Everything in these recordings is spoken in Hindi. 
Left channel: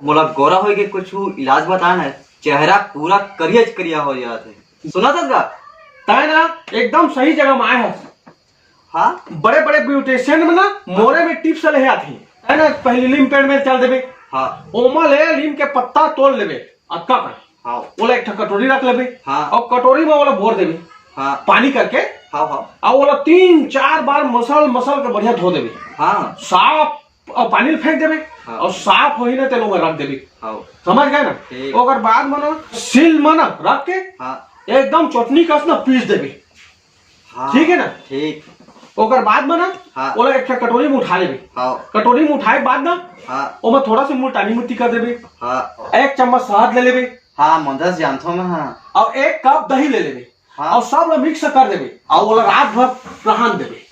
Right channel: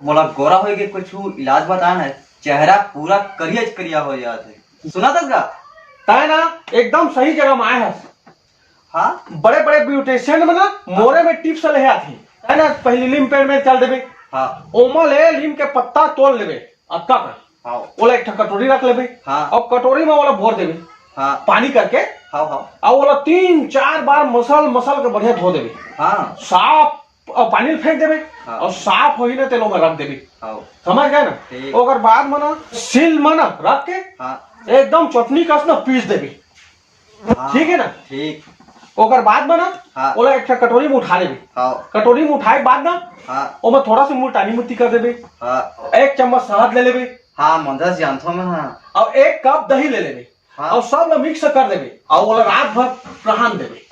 मोला गोरा हो के कुछ इलाज बता ना, चेहरा पूरा करियज करिया हो जाते। सुना था का तय ना एकदम सही जगह में आए हैं। हाँ बड़े बड़े ब्यूटिशियन में ना मोरे में टिप्स ले आती है ना। पहले लीम पेड़ में चल देवे। हाँ ओमा ले लीम के पत्ता तोड़ लेवे। अक्का का हाँ ओला एक कटोरी रख लेवे। हाँ और कटोरी में वाला भोर देवे हाँ पानी करके। हाँ हाँ और वाला 3-4 बार मसल मसल के बढ़िया धो देवे। हाँ साफ और पानी में फेंक देवे। हाँ। और साफ वही ना तेलों में रख देवे। हाँ समझ गए ना। ठीक। ओकर बाद में ना सिल में ना रख के हाँ एकदम चटनी कस ना पीस देवे। हाँ, ठीक है ना। ठीक। ओकर बाद में ना हाँ। ओला एक कटोरी में उठा लेवे। हाँ कटोरी में उठाए बाद ना हाँ ओमा थोड़ा सा मुल्तानी मिट्टी कर देवे। हाँ 1 चम्मच शहद ले लेवे। हाँ मदद जानता हूँ मैं। हाँ और 1 कप दही ले लेवे। हाँ। और सब मिक्स कर देवे और ओला रात भर रहान देवे।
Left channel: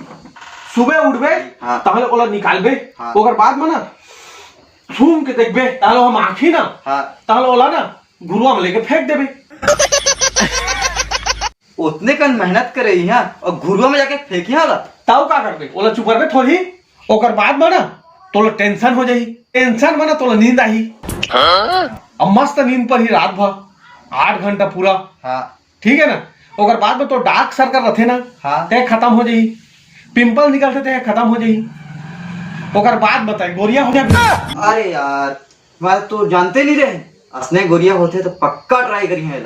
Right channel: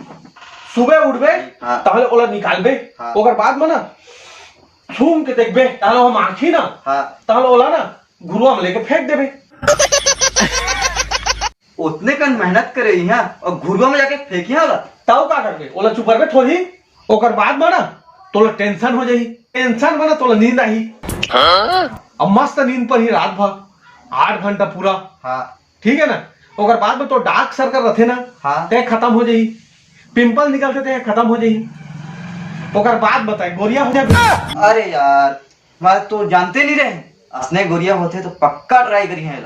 सुबह उठबे हाँ। ताहले ओला निकालबे। हाँ। ओकर बाद में ना छूम के देखबे ताहले हम आँखी ना हाँ ताहले ओला ना गुरुआ में लेके फेंक देवे। उतने कन मेहनत करे यहाँ और घुरुआ में जाके फेंकिया होला। तब का करबे ओला चुपरबे थोड़ी। ओकर बाद में ना तोला टेंशन हो जाही। टेंशन में ना तोला नींद आई। अब मस्त नींद पर ही रात भर 8 घंटा पूरा। हाँ ठीक है ना। ओकर बाद में तो डार्क सर्कल रहते ना हाँ। ते खत्म हो जाई। पिंपल निकलते थे खत्म हो जाई। ओकर बाद बताए गोरिया हो जाए। अरे यार मैं तो जानते नहीं रहे, असने गोरिया होते तो पक्का ट्राई करी है।